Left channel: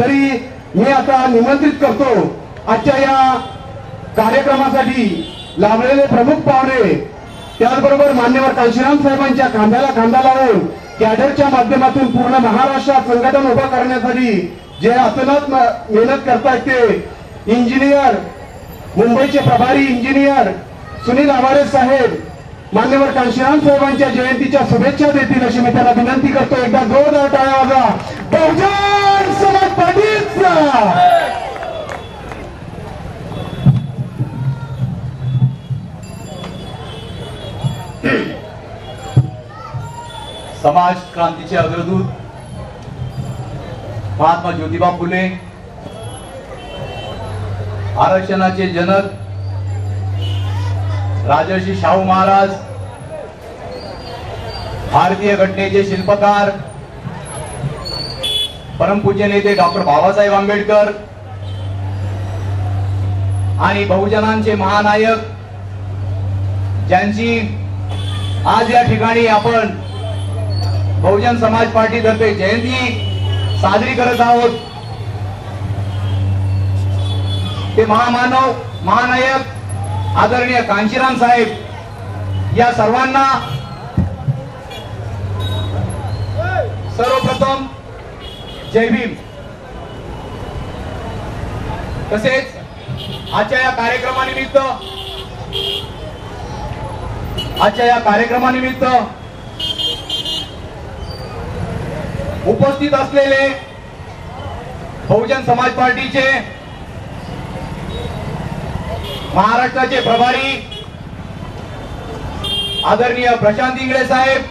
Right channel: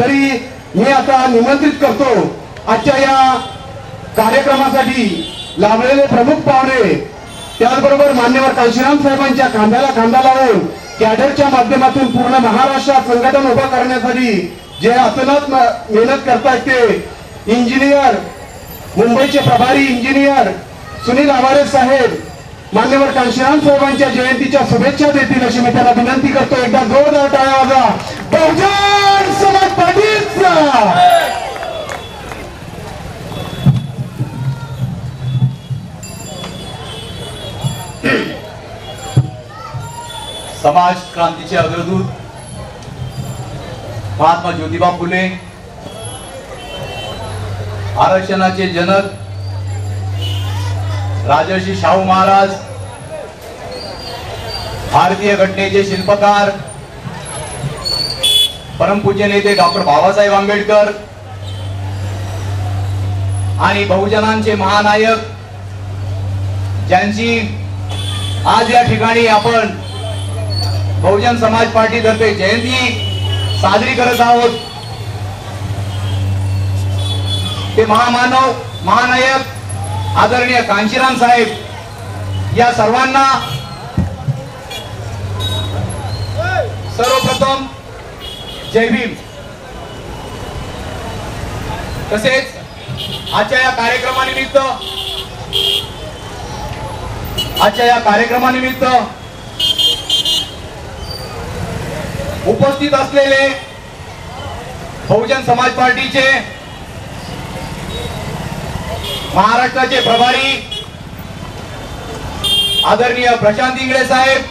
तरी मी आता निमंत्रित करतो आजच्या या कार्यक्रमासाठी लाभलेले प्रमुख पाहुणे, त्याचबरोबर मान्यवर कांशीराम साहेबांच्या खांद्याला खांदा लावून कॅडरच्या माध्यमातून पूर्ण महाराष्ट्रात संघटन उभं करण्यासाठी जे अतोनात मेहनत करतायत ते इंजिनियर, मुंबईचे प्रभारी इंजिनियर सुनील आवारे साहेब मान्यवर कांशीराम साहेबांच्या जयंतीच्या शुभेच्छा देतील अशी मी त्यांना विनंती करतो. एकदा जोरदार टाळ्या वाजवा बहुजन समाज पार्टीचा. समाज क्रांतीचे अग्रदूत महात्मा ज्योतिबा फुले, आरक्षणाचे जनक राजर्षी शाहू महाराज, भारतीय घटनेचे शिल्पकार परमपूज्य नेते डॉक्टर बाबासाहेब आंबेडकर आणि बहुजनांचे महानायक ज्यांची आज या ठिकाणी आपण बहुजन समाज पार्टी तर्फे जयंती साजरी करत आहोत, ते महामानव महानायक आदरणीय कांशीराम साहेब या सर्वांना सर्वप्रथम जय भीम. तसेच आजच्या या कार्यक्रमानिमित्त उपस्थित असलेले बहुजन समाज पार्टीचे महाराष्ट्राचे प्रभारी आदरणीय प्रशांत इंगळे साहेब,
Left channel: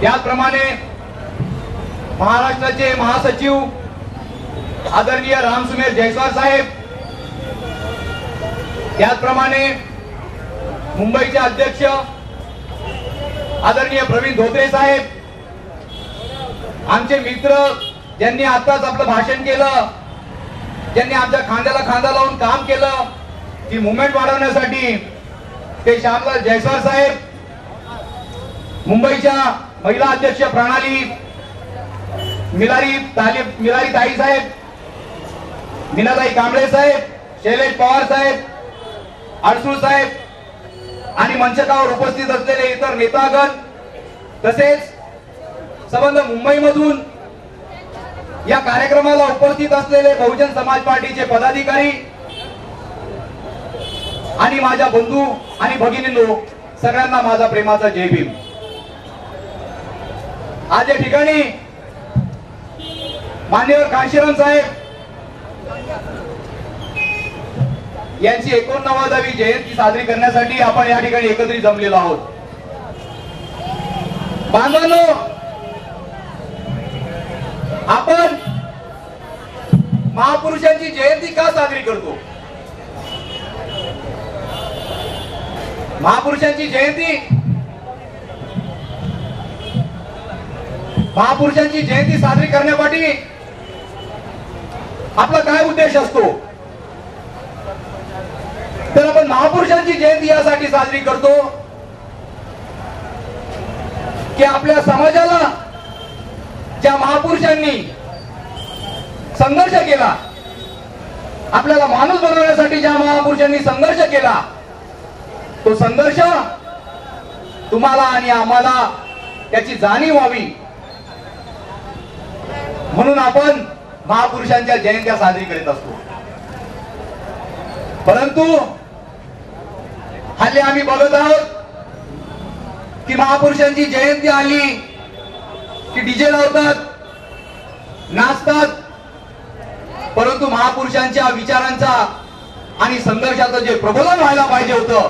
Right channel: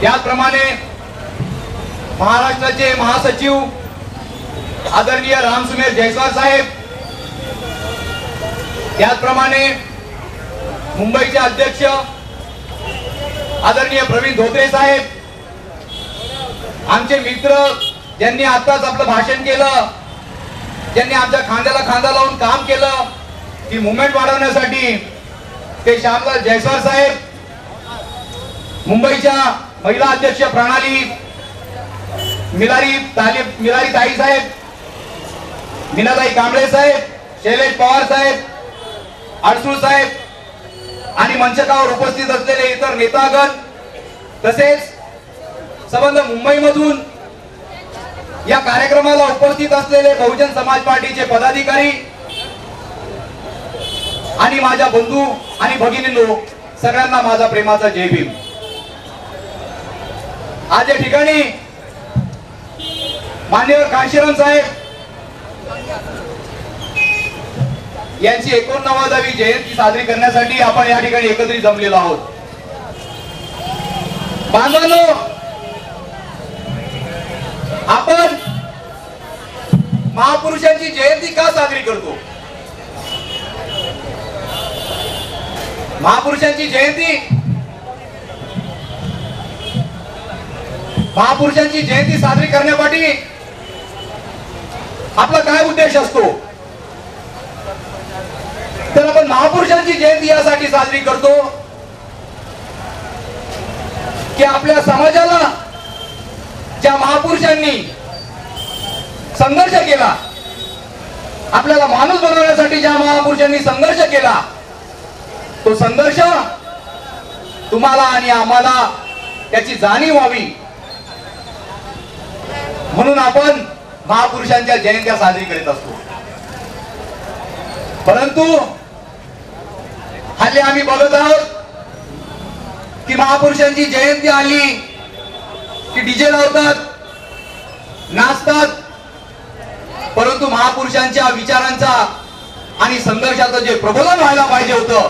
त्याचप्रमाणे महाराष्ट्राचे महासचिव आदरणीय रामसुमेर जयस्वाल साहेब, त्याचप्रमाणे मुंबईचे अध्यक्ष आदरणीय प्रवीण धोत्रे साहेब, आमचे मित्र ज्यांनी आताच आपलं भाषण केलं, ज्यांनी आमच्या खांद्याला खांदा लावून काम केलं ती मुवमेंट वाढवण्यासाठी, ते श्यामलाल जयस्वाल साहेब, मुंबईच्या महिला अध्यक्ष प्रणाली मिलारी ताई साहेब, मीनाताई कांबळे साहेब, शैलेश पवार साहेब, अडसूळ साहेब आणि मंचकावर उपस्थित असलेले इतर नेतागण, तसेच संबंध मुंबईमधून या कार्यक्रमाला उपस्थित असलेले बहुजन समाज पार्टीचे पदाधिकारी आणि माझ्या बंधू आणि भगिनींनो, सगळ्यांना माझा प्रेमाचा जय भीम. आज या ठिकाणी मान्यवर कांशीराम साहेब यांची 89वी जयंती साजरी करण्यासाठी आपण या ठिकाणी एकत्रित जमलेलो आहोत. बांधवांनो, आपण महापुरुषांची जयंती का साजरी करतो? महापुरुषांची जयंती साजरी करण्यासाठी आपला काय उद्देश असतो? तर आपण महापुरुषांची जयंती यासाठी साजरी करतो की आपल्या समाजाला ज्या महापुरुषांनी संघर्ष केला, आपल्याला माणूस बनवण्यासाठी ज्या महापुरुषांनी संघर्ष केला, तो संघर्ष तुम्हाला आणि आम्हाला त्याची जाणीव व्हावी म्हणून आपण महापुरुषांच्या जयंत्या साजरी करीत असतो. परंतु हल्ली आम्ही बघत आहोत की महापुरुषांची जयंती आली की डीजे लावतात, नाचतात, परंतु महापुरुषांच्या विचारांचा आणि संघर्षाचं जे प्रबोधन व्हायला पाहिजे होतं,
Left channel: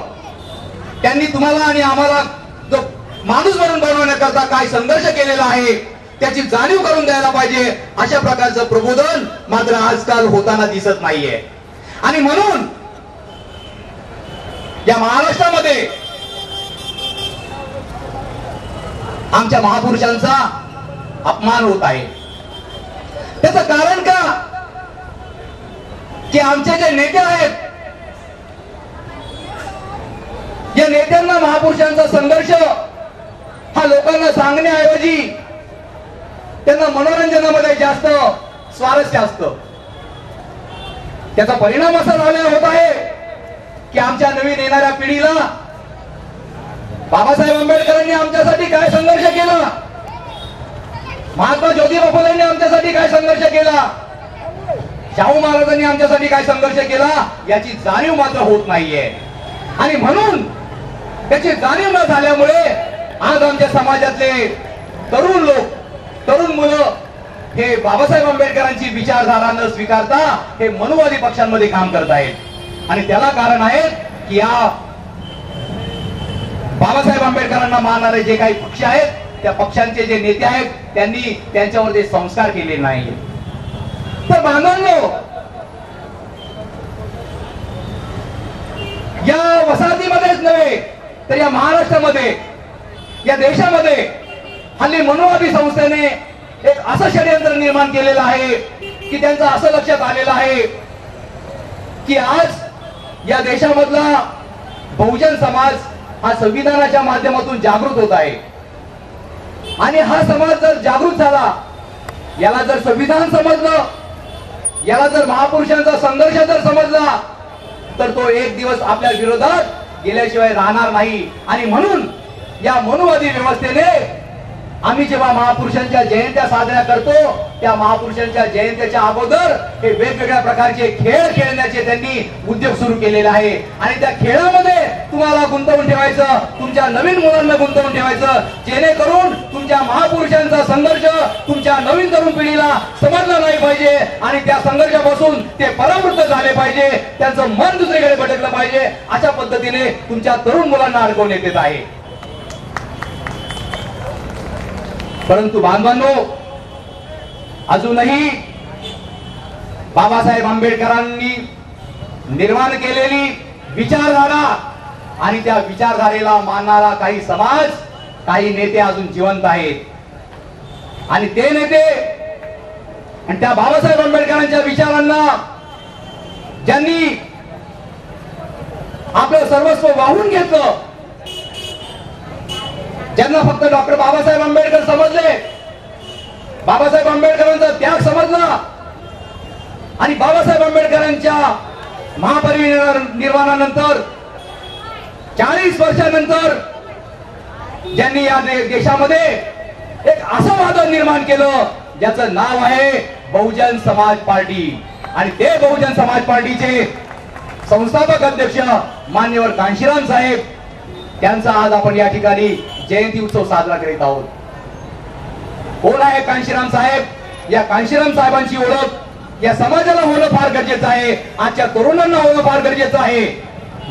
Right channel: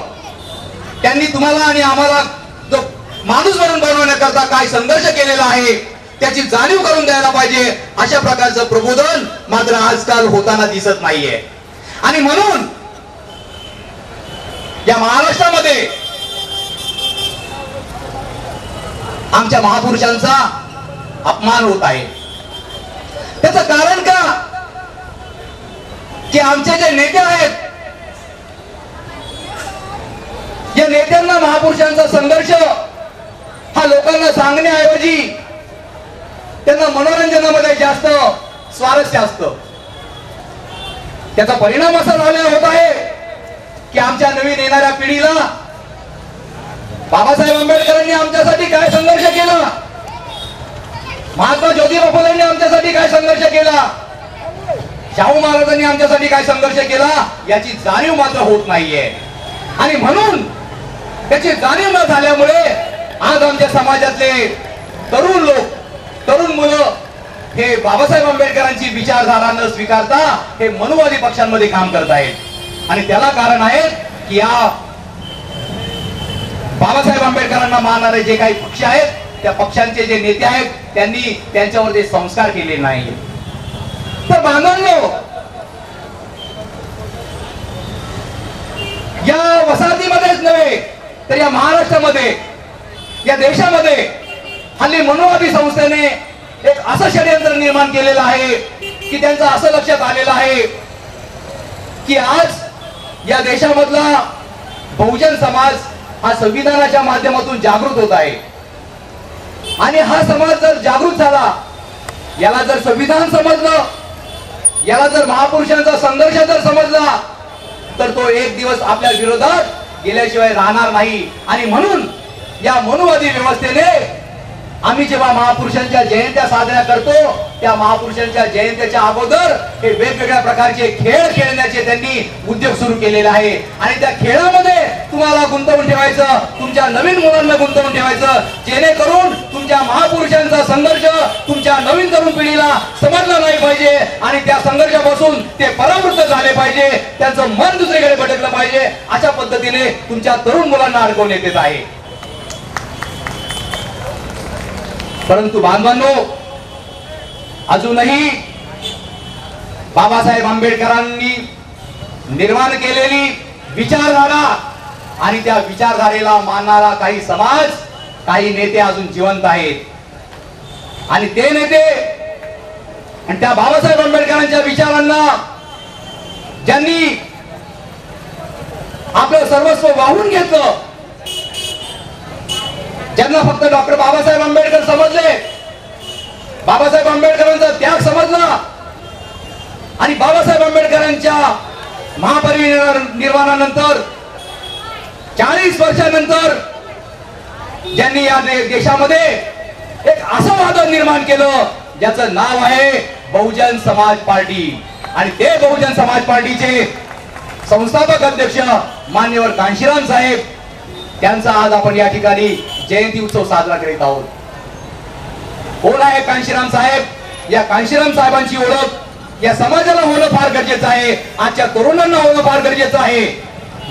त्यांनी तुम्हाला आणि आम्हाला जो माणूस म्हणून बनवण्याकरता काय संघर्ष केलेला आहे त्याची जाणीव करून द्यायला पाहिजे, अशा प्रकारचं प्रबोधन मात्र आजकाल होताना दिसत नाहीये. आणि म्हणून या महाराष्ट्रामध्ये आमच्या महापुरुषांचा अपमान होत आहे. त्याचं कारण का? की आमचे जे नेते आहेत, या नेत्यांना महापुरुषांचा संघर्ष हा लोकांना सांगण्याऐवजी त्यांना मनोरंजनामध्ये जास्त स्वारस्य असतं. त्याचा परिणाम असा झालेला होत आहे की आमच्या नवीन येणाऱ्या पिढीला बाबासाहेब आंबेडकरांनी आमच्यासाठी काय संघर्ष केला, महात्मा ज्योतिबा फुलेंनी आमच्यासाठी काय संघर्ष केला, शाहू महाराजांनी आमच्यासाठी काय संघर्ष केला याची जाणीव मात्र होत नाहीये. आणि म्हणून त्याची जाणीव न झाल्यामुळे आज आमच्या समाजातले तरुण लोक, तरुण मुलं हे बाबासाहेब आंबेडकरांची विचारधारा न स्वीकारता हे मनुवादी पक्षांमध्ये काम करत आहेत. आणि त्याला कारण आहे की या बाबासाहेब आंबेडकरांना मानणारे जे काही पक्ष आहेत त्या पक्षांचे जे नेते आहेत त्यांनी त्यांच्यावर ते संस्कार केले नाही. तर बांधवांनो, या वसाहतीमध्येच नव्हे तर या महाराष्ट्रामध्ये, या देशामध्ये हल्ली मनुवादी संस्थेने एक असं षडयंत्र निर्माण केलेलं आहे की त्यांचं असं लक्षात आलेलं आहे की आज या देशामधला बहुजन समाज हा संविधानाच्या माध्यमातून जागृत होत आहे. आणि हा समाज जर जागृत झाला, याला जर संविधान समजलं, याला जर महापुरुषांचा संघर्ष जर समजला तर तो एक दिवस आपल्या विरोधात गेल्याशिवाय राहणार नाही. आणि म्हणून या मनुवादी व्यवस्थेने आम्ही जेव्हा महापुरुषांच्या जयंत्या साजऱ्या करतो त्या महापुरुषांच्या जयंतीच्या अगोदर हे वेगवेगळ्या प्रकारचे खेळ खेळण्याचे त्यांनी उद्योग सुरू केलेले आहे. आणि त्या खेळामध्ये तुम्हाला गुंतवून ठेवायचं, तुमच्या नवीन मुलांना गुंतवून ठेवायचं, जेणेकरून तुमच्या महापुरुषांचा संघर्ष तुमच्या नवीन तरुण पिढीला समजला नाही पाहिजे आणि त्या संघर्षापासून ते परावृत्त झाले पाहिजे, त्यांचं मन दुसरीकडे भटकलं पाहिजे. अशा पद्धतीने तुमच्या तरुण मुलांना अडकवण्यात येत आहे. परंतु बांधवांनो, अजूनही बाबासाहेब आंबेडकरांनी निर्माण केलेली विचारधारा आणि त्या विचारधारेला मानणारा काही समाज, काही नेते अजून जिवंत आहेत. आणि ते नेते आणि त्या बाबासाहेब आंबेडकरांच्या विचारांना ज्यांनी आपलं सर्वस्व वाहून घेतलं, ज्यांना फक्त डॉक्टर बाबासाहेब आंबेडकर समजले, बाबासाहेब आंबेडकरांचा त्याग समजला आणि बाबासाहेब आंबेडकरांच्या महापरिनिर्वाणानंतर 40 वर्षानंतर ज्यांनी या देशामध्ये एक असं वादळ निर्माण केलं ज्याचं नाव आहे बहुजन समाज पार्टी. आणि ते बहुजन समाज पार्टीचे संस्थापक अध्यक्ष मान्यवर कांशीराम साहेब, त्यांचा आज आपण या ठिकाणी जयंती उत्सव साजरा करीत आहोत. कोण आहे कांशीराम साहेब? या कांशीराम साहेबांची ओळख या समाजाला होणं फार गरजेचं आहे, आजच्या तरुणांना होणं फार गरजेचं आहे.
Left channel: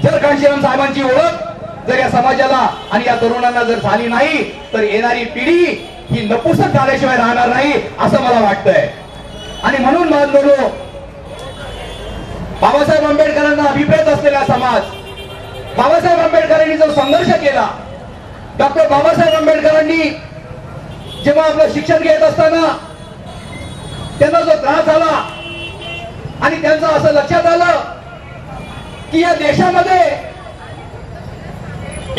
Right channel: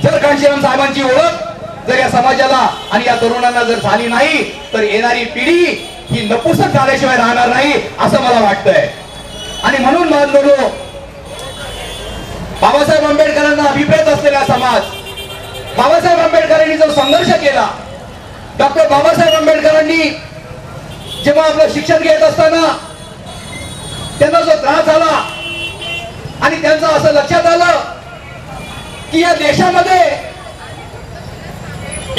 जर कांशीराम साहेबांची ओळख जर या समाजाला आणि या तरुणांना जर झाली नाही तर येणारी पिढी ही नपुसक झाल्याशिवाय राहणार नाही असं मला वाटतंय. आणि म्हणून बांधवनो, बाबासाहेब आंबेडकरांना अभिप्रेत असलेला समाज, बाबासाहेब आंबेडकरांनी जो संघर्ष केला, डॉक्टर बाबासाहेब आंबेडकरांनी जेव्हा आपलं शिक्षण घेत असताना त्यांना जो त्रास झाला आणि त्यांचं असं लक्षात आलं की या देशामध्ये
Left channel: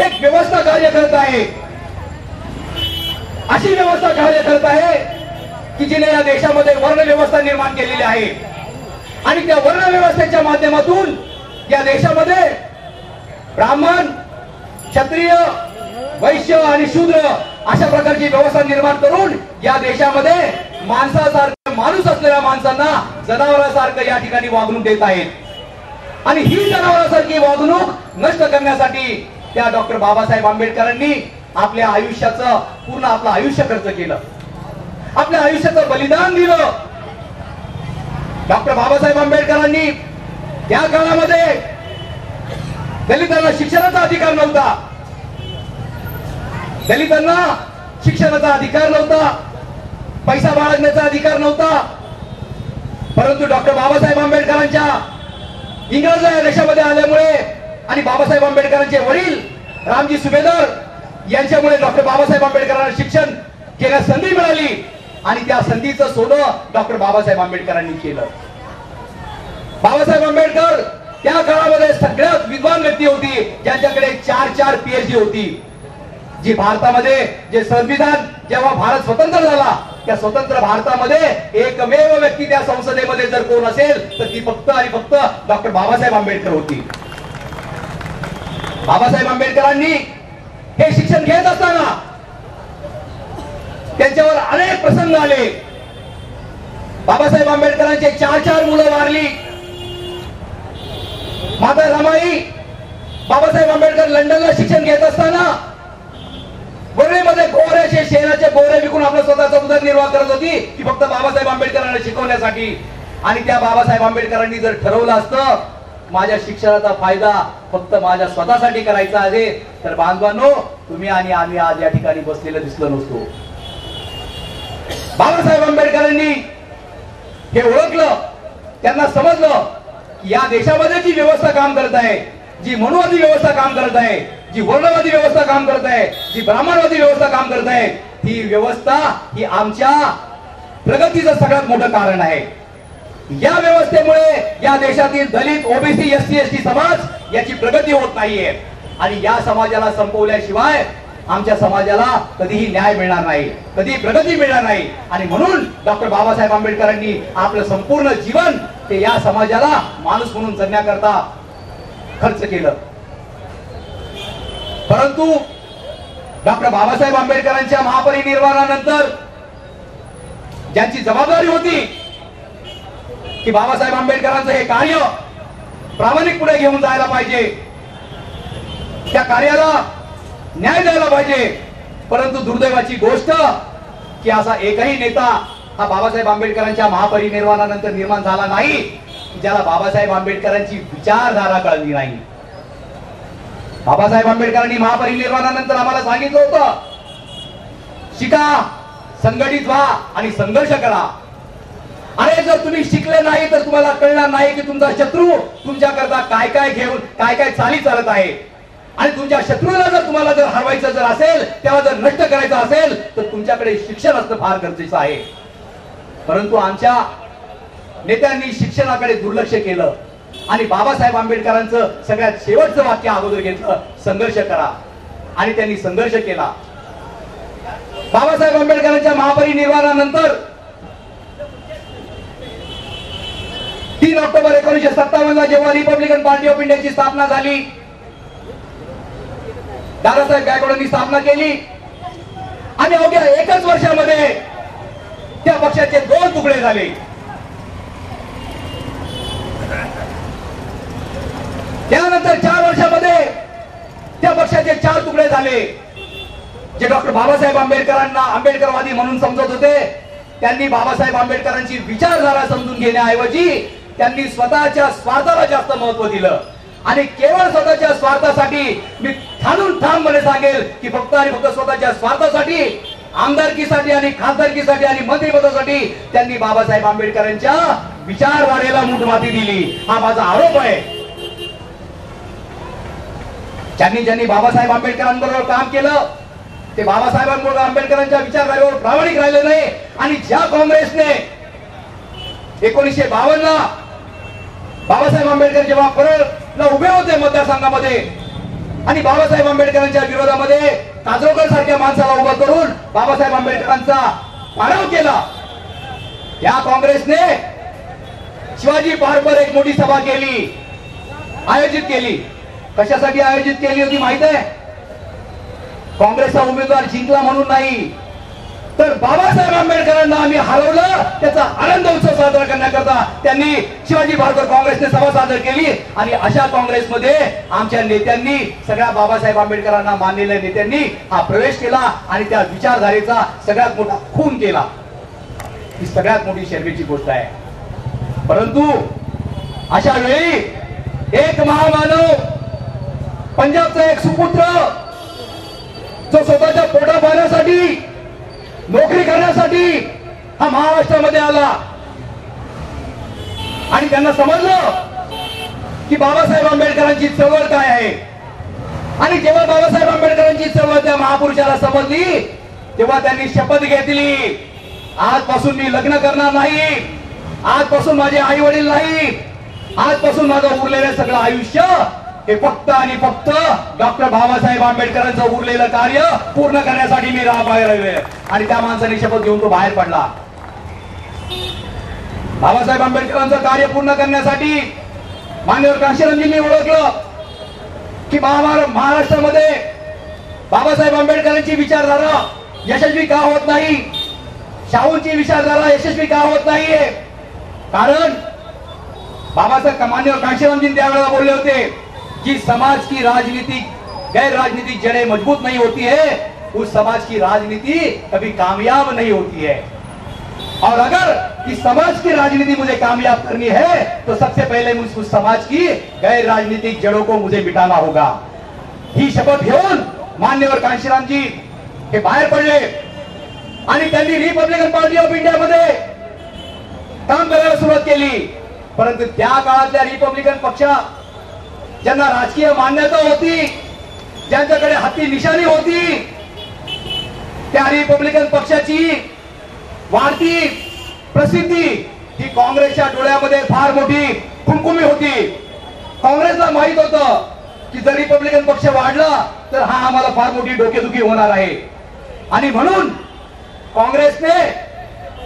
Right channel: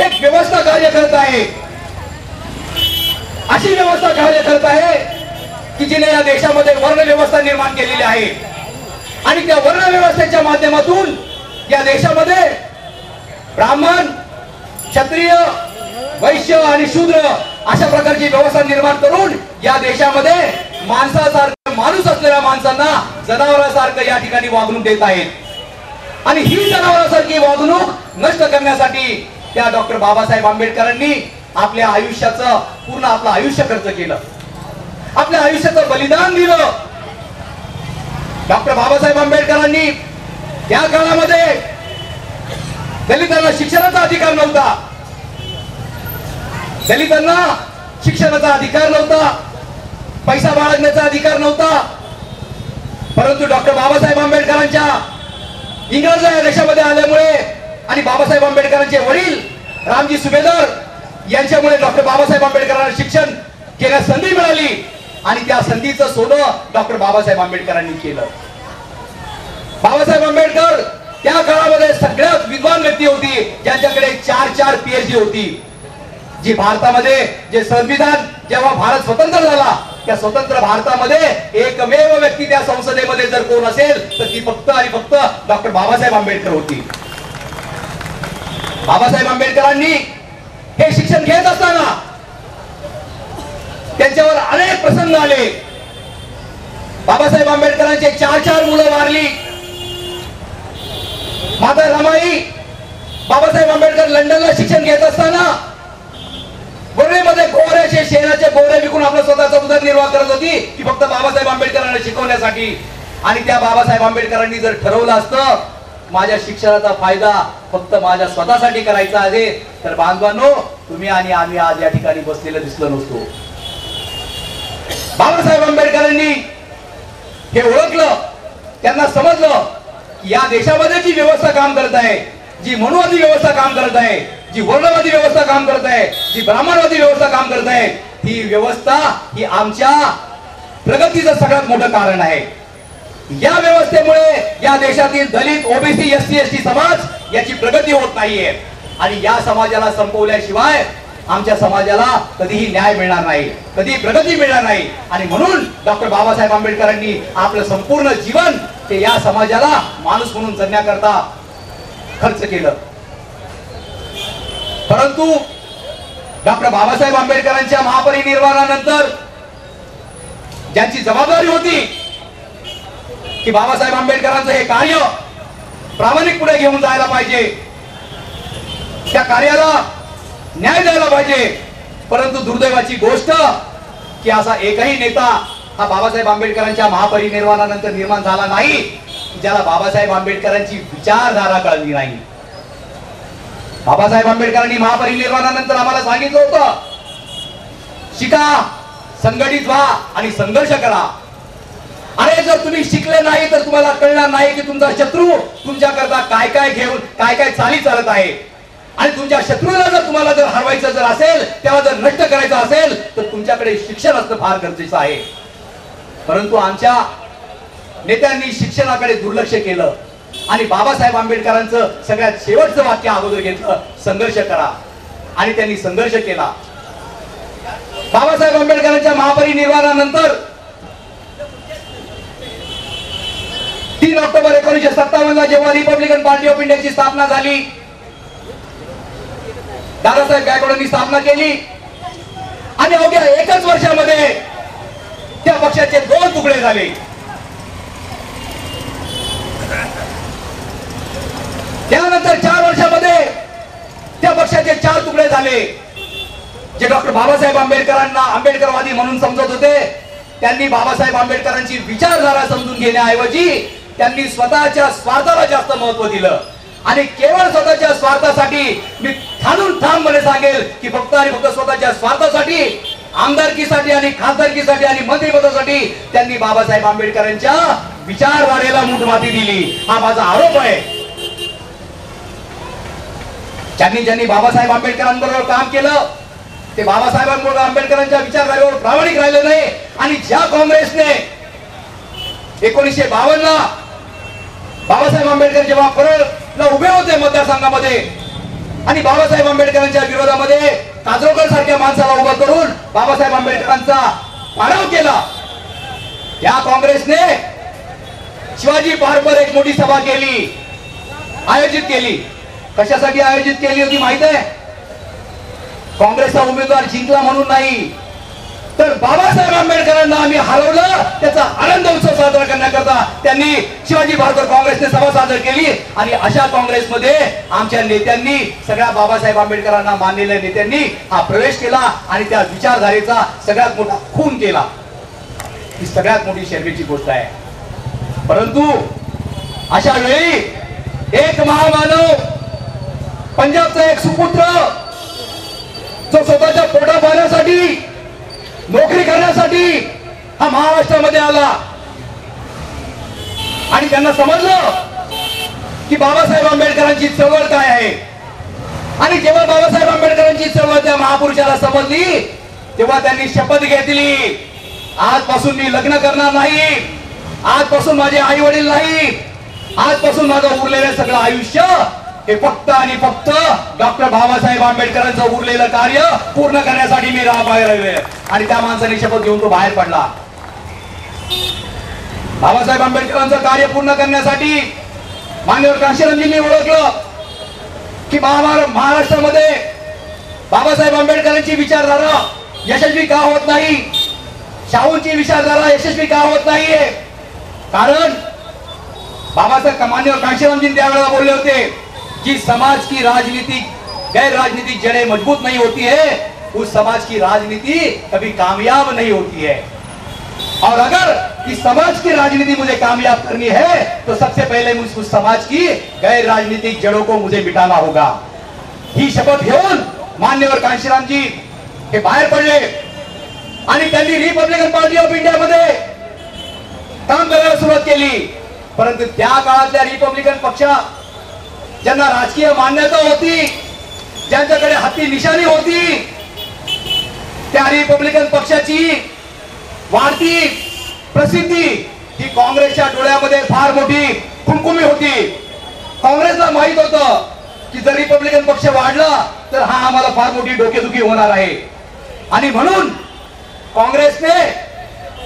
एक व्यवस्था कार्य करत आहे, अशी व्यवस्था कार्य करत आहे की जिने या देशामध्ये वर्ण व्यवस्था निर्माण केलेली आहे. आणि त्या वर्ण व्यवस्थेच्या माध्यमातून या देशामध्ये ब्राह्मण, क्षत्रिय, वैश्य आणि शूद्र अशा प्रकारची व्यवस्था निर्माण करून या देशामध्ये माणसासारखं माणूस असलेल्या माणसांना जनावरांसारखं या ठिकाणी वागणूक देत आहेत. आणि ही जनावरांसारखी वागणूक नष्ट करण्यासाठी त्या डॉक्टर बाबासाहेब आंबेडकरांनी आपल्या आयुष्याचं पूर्ण आपलं आयुष्य खर्च केलं, आपल्या आयुष्याचं बलिदान दिलं. डॉक्टर बाबासाहेब आंबेडकरांनी त्या काळामध्ये दलितांना शिक्षणाचा अधिकार नव्हता, दलितांना शिक्षणाचा अधिकार नव्हता, पैसा बाळगण्याचा अधिकार नव्हता. परंतु डॉक्टर बाबासाहेब आंबेडकरांच्या इंग्रज या देशामध्ये आल्यामुळे आणि बाबासाहेब आंबेडकरांचे वडील रामजी सुभेदार यांच्यामुळे डॉक्टर बाबासाहेब आंबेडकरांना शिक्षण घेण्यास संधी मिळाली आणि त्या संधीचं सोनं डॉक्टर बाबासाहेब आंबेडकरांनी केलं. बाबासाहेब आंबेडकर त्या काळामध्ये सगळ्यात विद्वान व्यक्ती होती ज्यांच्याकडे 4 PhD होती. जी भारतामध्ये जे संविधान जेव्हा भारत स्वतंत्र झाला त्या स्वतंत्र भारतामध्ये एकमेव व्यक्ती त्या संसदेमध्ये जर कोण असेल तर ती फक्त आणि फक्त डॉक्टर बाबासाहेब आंबेडकर होती. बाबासाहेब आंबेडकरांनी हे शिक्षण घेत असताना त्यांच्यावर अनेक प्रसंग आले. बाबासाहेब आंबेडकरांचे 4 मुलं वारली. माता रमाई बाबासाहेब आंबेडकर लंडनला शिक्षण घेत असताना गोरेमध्ये गोऱ्याचे शेणाचे गोरे विकून आपला स्वतःचा उदरनिर्वाह करत होती की फक्त बाबासाहेब आंबेडकरांना शिकवण्यासाठी. आणि त्या बाबासाहेब आंबेडकरांनी जर ठरवलं असतं माझ्या शिक्षणाचा फायदा फक्त माझ्या स्वतःसाठी करायचा आहे तर बांधवांनो तुम्ही आणि आम्ही आज या ठिकाणी बसलेलं दिसलो नसतो. बाबासाहेब आंबेडकरांनी हे ओळखलं. त्यांना समजलं की या देशामध्ये जी व्यवस्था काम करत आहे, जी मनुवादी व्यवस्था काम करत आहे, जी वर्णवादी व्यवस्था काम करत आहे, जी ब्राह्मणवादी व्यवस्था काम करत आहे, ही व्यवस्था ही आमच्या प्रगतीचं सगळ्यात मोठं कारण आहे. या व्यवस्थेमुळे या देशातील दलित, ओबीसी, एससी, एसटी समाज याची प्रगती होत नाहीये. आणि या समाजाला संपवल्याशिवाय आमच्या समाजाला कधीही न्याय मिळणार नाही, कधी प्रगती मिळणार नाही. आणि म्हणून डॉक्टर बाबासाहेब आंबेडकरांनी आपलं संपूर्ण जीवन ते या समाजाला माणूस म्हणून जगण्याकरता खर्च केलं. परंतु डॉक्टर बाबासाहेब आंबेडकरांच्या महापरिनिर्वाणानंतर ज्यांची जबाबदारी होती की बाबासाहेब आंबेडकरांचं हे कार्य प्रामाणिक पुढे घेऊन जायला पाहिजे, त्या कार्याला न्याय द्यायला पाहिजे. परंतु दुर्दैवाची गोष्ट की असा एकही नेता हा बाबासाहेब आंबेडकरांच्या महापरिनिर्वाणानंतर निर्माण झाला नाही ज्याला बाबासाहेब आंबेडकरांची विचारधारा कळली नाही. बाबासाहेब आंबेडकरांनी महापरिनिर्वाणानंतर आम्हाला सांगितलं होतं शिका, संघटित व्हा आणि संघर्ष करा. अरे जर तुम्ही शिकले नाही तर तुम्हाला कळणार नाही की तुमचा शत्रू तुमच्याकरता काय काय घेऊन काय काय चाली चालत आहे. आणि तुमच्या शत्रूला जर तुम्हाला जर हरवायचं जर असेल, त्याला जर नष्ट करायचं असेल तर तुमच्याकडे शिक्षण असणं फार गरजेचं आहे. परंतु आमच्या नेत्यांनी शिक्षणाकडे दुर्लक्ष केलं आणि बाबासाहेब आंबेडकरांचं सगळ्यात शेवटचं वाक्य अगोदर घेतलं, संघर्ष करा. आणि त्यांनी संघर्ष केला. बाबासाहेब आंबेडकरांच्या महापरिनिर्वाणानंतर 3 ऑक्टोबर 1957 ला जेव्हा रिपब्लिकन पार्टी ऑफ इंडियाची स्थापना झाली, दादासाहेब गायकवाडांनी स्थापना केली आणि अवघ्या 1च वर्षामध्ये त्या पक्षाचे 2 तुकडे झाले. त्यानंतर 4 वर्षामध्ये त्या पक्षाचे 4 तुकडे झाले. जे डॉक्टर बाबासाहेब आंबेडकरांना आंबेडकरवादी म्हणून समजत होते त्यांनी बाबासाहेब आंबेडकरांची विचारधारा समजून घेण्याऐवजी त्यांनी स्वतःच्या स्वार्थाला जास्त महत्व दिलं. आणि केवळ स्वतःच्या स्वार्थासाठी, मी ठाणून ठामपणे सांगेल की फक्त आणि फक्त स्वतःच्या स्वार्थासाठी, आमदारकीसाठी आणि खासदारकीसाठी आणि मंत्रिपदासाठी त्यांनी बाबासाहेब आंबेडकरांच्या विचारधारेला मूठमाती दिली. हा माझा आरोप आहे. ज्यांनी बाबासाहेब आंबेडकरांबरोबर काम केलं ते बाबासाहेब आंबेडकरांच्या विचारधारेवर प्रामाणिक राहिले नाही. आणि ज्या काँग्रेसने 1952 ला बाबासाहेब आंबेडकर जेव्हा परळला उभे होते मतदारसंघामध्ये आणि बाबासाहेब आंबेडकरांच्या विरोधामध्ये काजरोकर सारख्या माणसाला उभं करून बाबासाहेब आंबेडकरांचा पाडाव केला, त्या काँग्रेसने शिवाजी पार्कवर एक मोठी सभा केली, आयोजित केली. कशासाठी आयोजित केली होती माहित आहे? काँग्रेसचा उमेदवार जिंकला म्हणून नाही, तर बाबासाहेब आंबेडकरांना आम्ही हरवलं त्याचा आनंद उत्सव साजरा करण्याकरता त्यांनी शिवाजी पार्कवर काँग्रेसने सभा सादर केली. आणि अशा काँग्रेसमध्ये आमच्या नेत्यांनी, सगळ्या बाबासाहेब आंबेडकरांना मानलेल्या नेत्यांनी हा प्रवेश केला आणि त्या विचारधारेचा सगळ्यात मोठा खून केला. ही सगळ्यात मोठी शर्मेची गोष्ट आहे. परंतु अशा वेळी एक महामानव, पंजाबचा एक सुपुत्र जो स्वतःच्या पोटा पाण्यासाठी, नोकरी करण्यासाठी हा महाराष्ट्रामध्ये आला आणि त्यांना समजलं की बाबासाहेब आंबेडकरांची चळवळ काय आहे. आणि जेव्हा बाबासाहेब आंबेडकरांची चळवळ त्या महापुरुषाला समजली तेव्हा त्यांनी शपथ घेतली, आजपासून मी लग्न करणार नाही, आजपासून माझे आई वडील नाही, आजपासून माझं उरलेलं सगळं आयुष्य हे फक्त आणि फक्त डॉक्टर बाबासाहेब आंबेडकरांचं उरलेलं कार्य पूर्ण करण्यासाठी मी बाहेर आलोय. आणि त्या माणसाने शपथ घेऊन तो बाहेर पडला. बाबासाहेब आंबेडकरांचं कार्य पूर्ण करण्यासाठी मान्यवर काशीरामजींनी ओळखलं की महाराष्ट्रामध्ये बाबासाहेब आंबेडकरांची विचारधारा यशस्वी का होत नाही, शाहूंची विचारधारा यशस्वी का होत नाहीये. कारण बाबासाहेब मान्यवर काशीरामजी त्यावेळेला बोलले होते कि समाज की राजनीतिक गैर राजनीतिक जड़ें मजबूत नहीं होती है, उस समाज की राजनीति कभी कामयाब नहीं होती है. और अगर इस समाज की राजनीति मुझे कामयाब करनी है तो सबसे पहले उस समाज की गैर राजनीतिक जड़ों को मुझे मिटाना होगा. ही शपथ घेऊन मान्यवर कांशीरामजी हे बाहेर पडले आणि त्यांनी रिपब्लिकन पार्टी ऑफ इंडिया मध्ये काम करायला सुरुवात केली. परंतु त्या काळातल्या रिपब्लिकन पक्षा ज्यांना राजकीय मान्यता होती, ज्यांच्याकडे हत्ती निशाणी होती, त्या रिपब्लिकन पक्षाची वाढती प्रसिद्धी ही काँग्रेसच्या डोळ्यामध्ये फार मोठी खुमखुमी होती. काँग्रेसला माहित होतं की जर रिपब्लिकन पक्ष वाढला तर हा आम्हाला फार मोठी डोकेदुखी होणार आहे. आणि म्हणून काँग्रेसने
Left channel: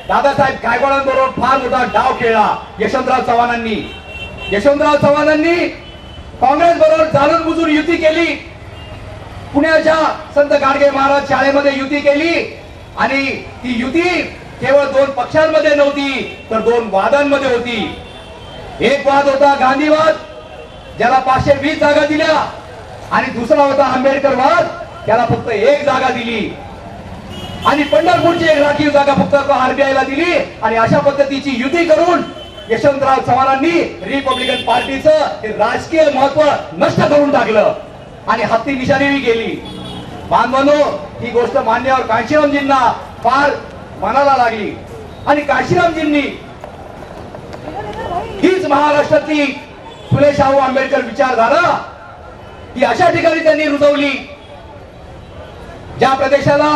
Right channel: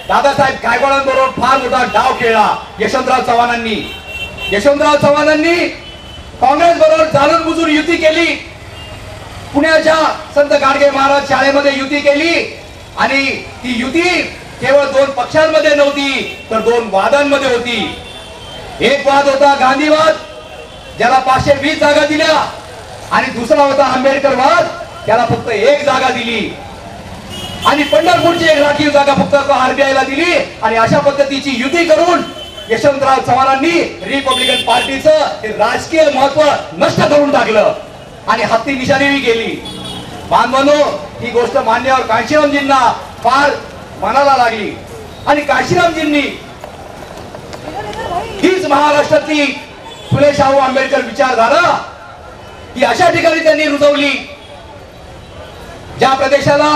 दादासाहेब गायकवाडांबरोबर फार मोठा डाव खेळला. यशवंतराव चव्हाणांनी काँग्रेस बरोबर जाणून बुजून युती केली. पुण्याच्या संत गाडगे महाराज शाळेमध्ये युती केली आणि ती युती केवळ दोन पक्षांमध्ये नव्हती तर दोन वादांमध्ये होती. एक वाद होता गांधीवाद, ज्याला 520 जागा दिल्या, आणि दुसरा होता आंबेडकर वाद, त्याला फक्त 1 जागा दिली. आणि पंढरपूरची 1 राखीव जागा फक्त आरबीआयला दिली. आणि अशा पद्धतीची युती करून यशवंतराव चव्हाणांनी रिपब्लिकन पार्टीचं राजकीय महत्व नष्ट करून टाकलं आणि हत्ती निशाणी गेली. बांधवांनो, ही गोष्ट मान्यवर काशीरामजींना फार मनाला लागली आणि काशीरामजींनी हीच महाराष्ट्रातली फुले शाहू आंबेडकर विचारधारा ही अशा ठिकाणी त्यांनी रुजवली ज्या प्रदेशाला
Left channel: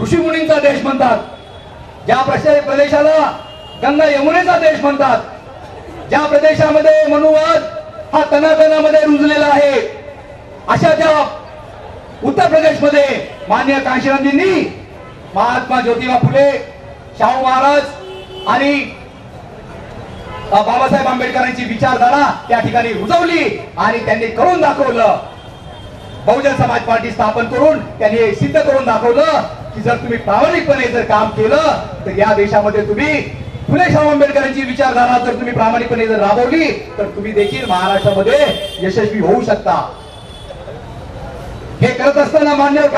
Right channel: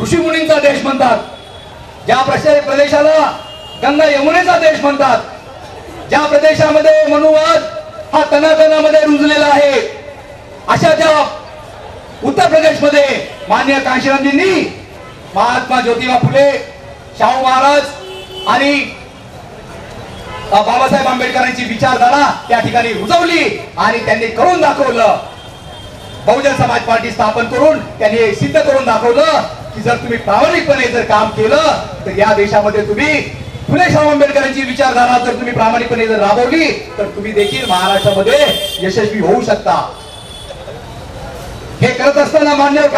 ऋषीमुनींचा देश म्हणतात, ज्या प्रदेशाला गंगा यमुनेचा देश म्हणतात, ज्या प्रदेशामध्ये मनुवाद हा तनातनामध्ये रुजलेला आहे, अशा ज्या उत्तर प्रदेशमध्ये मान्य काशीरामजींनी महात्मा ज्योतिबा फुले, शाहू महाराज आणि बाबासाहेब आंबेडकरांची विचारधारा त्या ठिकाणी रुजवली आणि त्यांनी करून दाखवलं. बहुजन समाज पार्टी स्थापन करून त्यांनी सिद्ध करून दाखवलं की जर तुम्ही प्रामाणिकपणे जर काम केलं तर या देशामध्ये तुम्ही फुले शाहू आंबेडकरांची विचारधारा जर तुम्ही प्रामाणिकपणे जर राबवली तर तुम्ही देखील महाराष्ट्रामध्ये यशस्वी होऊ शकता. हे करत असताना मान्यवर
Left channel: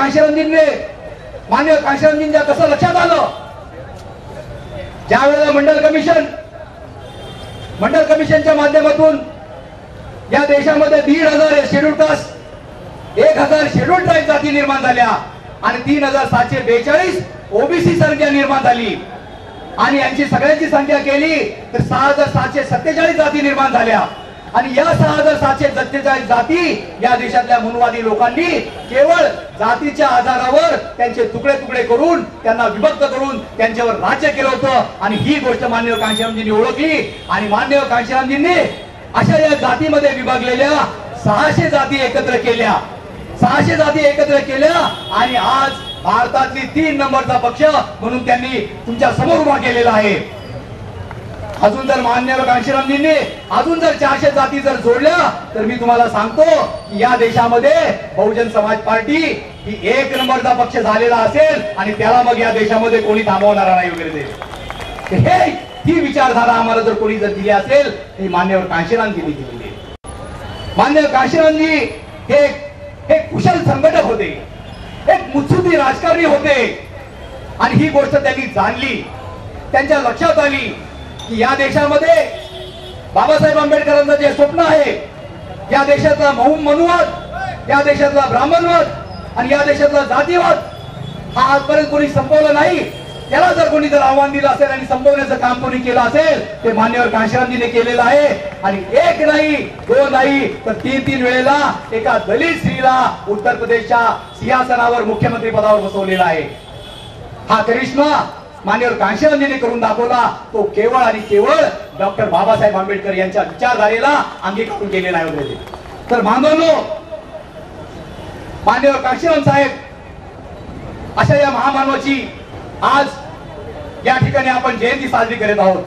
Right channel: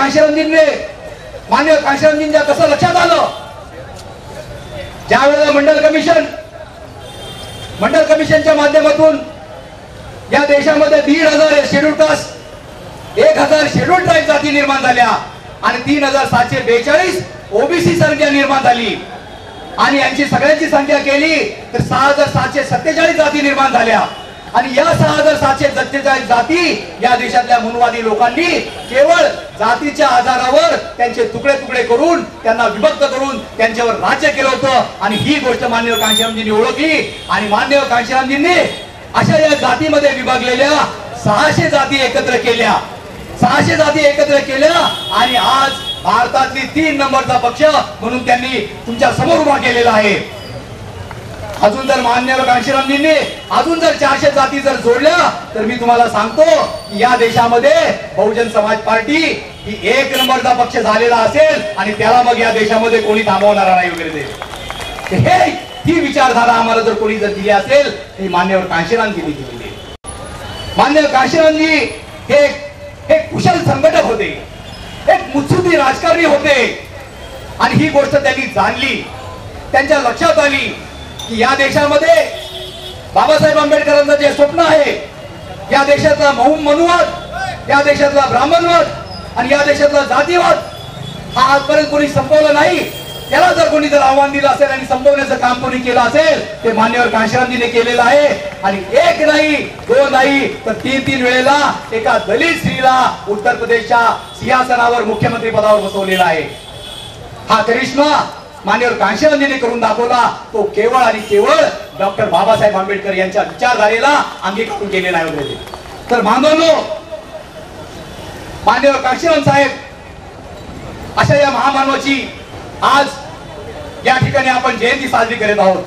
काशीरामजींच्या कसं लक्षात आलं, ज्या वेळेला मंडल कमिशनच्या माध्यमातून या देशामध्ये 1,500 शेड्यूल कास्ट, 1,000 शेड्यूल ट्राईब जाती निर्माण झाल्या आणि 3,742 ओबीसी संख्या निर्माण झाली आणि यांची सगळ्यांची संख्या केली तर 6,747 जाती निर्माण झाल्या. आणि या 6,747 जाती या देशातल्या मनुवादी लोकांनी केवळ जातीच्या आधारावर त्यांचे तुकडे तुकडे करून त्यांना विभक्त करून त्यांच्यावर राज्य केलं होतं. आणि ही गोष्ट मान्यवर काशीरामजींनी ओळखली आणि मान्यवर काशीरामजींनी अशा या जातीमध्ये विभागलेल्या 600 जाती एकत्र केल्या. 600 जाती एकत्र केल्या आणि आज भारतातली 3 नंबरचा पक्ष म्हणून त्यांनी तुमच्या समोर उभा केलेला आहे. अजून जर मान्यवर काशीरामजींनी अजून जर 400 जाती जर जोडल्या तर मी तुम्हाला सांगतो की या देशामध्ये बहुजन समाज पार्टी ही 1 नंबरचा पक्ष झालेला असेल आणि त्याला मग या देशामध्ये कोणी थांबवणार नाही वगैरे. हे ही विचारधारा आम्हाला जर कोणी जर दिली असेल ती मान्यवर काशीरामजींनी दिलेली. मान्यवर काशीरामजी हे कुशल संघटक होते, एक मुत्सुद्दी राजकारणी होते आणि ही गोष्ट त्यांनी जाणली. त्यांच्या लक्षात आली की या देशामध्ये बाबासाहेब आंबेडकरांचं जे स्वप्न आहे, या देशातला मनुवाद, या देशातला ब्राह्मणवाद आणि या देशातला जातीवाद हा आजपर्यंत कोणी संपवला नाही. त्याला जर कोणी जर आव्हान दिलं असेल आणि संपवण्याचं काम कोणी केलं असेल ते मान्यवर काशीरामजीने केलेलं आहे. आणि 1 नाही 2 नाही तर 3 वेळेला एका दलित स्त्रीला उत्तर प्रदेशच्या सिंहासनावर मुख्यमंत्री पदावर बसवलेला आहे. हा करिश्मा मान्यवर काशीरामजीने करून दाखवला. तो केवळ आणि केवळ डॉक्टर बाबासाहेब आंबेडकर यांच्या विचारधारेला अंगीकारून केलेला आहे. तर बांधवनो, मान्यवर काशीराम साहेब अशा या महामानवाची आज या ठिकाणी आपण जयंती साजरी करत आहोत.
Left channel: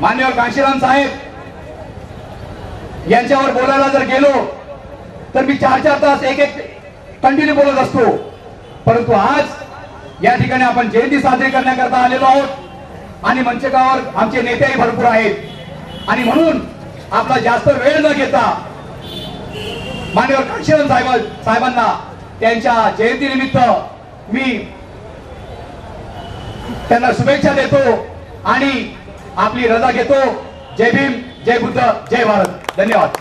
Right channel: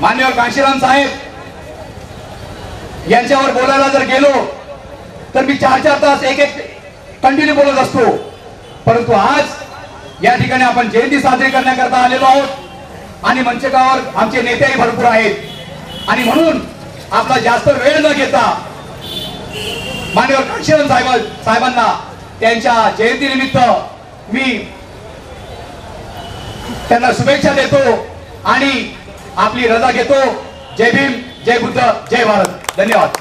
मान्यवर काशीराम साहेब यांच्यावर बोलायला जर गेलो तर मी 4-4 तास एक कंटिन्यू बोलत असतो, परंतु आज या ठिकाणी आपण जयंती साजरी करण्याकरता आलेलो आहोत आणि मंचकावर आमचे नेतेही भरपूर आहेत आणि म्हणून आपला जास्त वेळ न घेता मान्यवर काशीराम साहेबांना त्यांच्या जयंतीनिमित्त मी त्यांना शुभेच्छा देतो आणि आपली रजा घेतो. जय भीम, जय बुद्ध, जय भारत. धन्यवाद.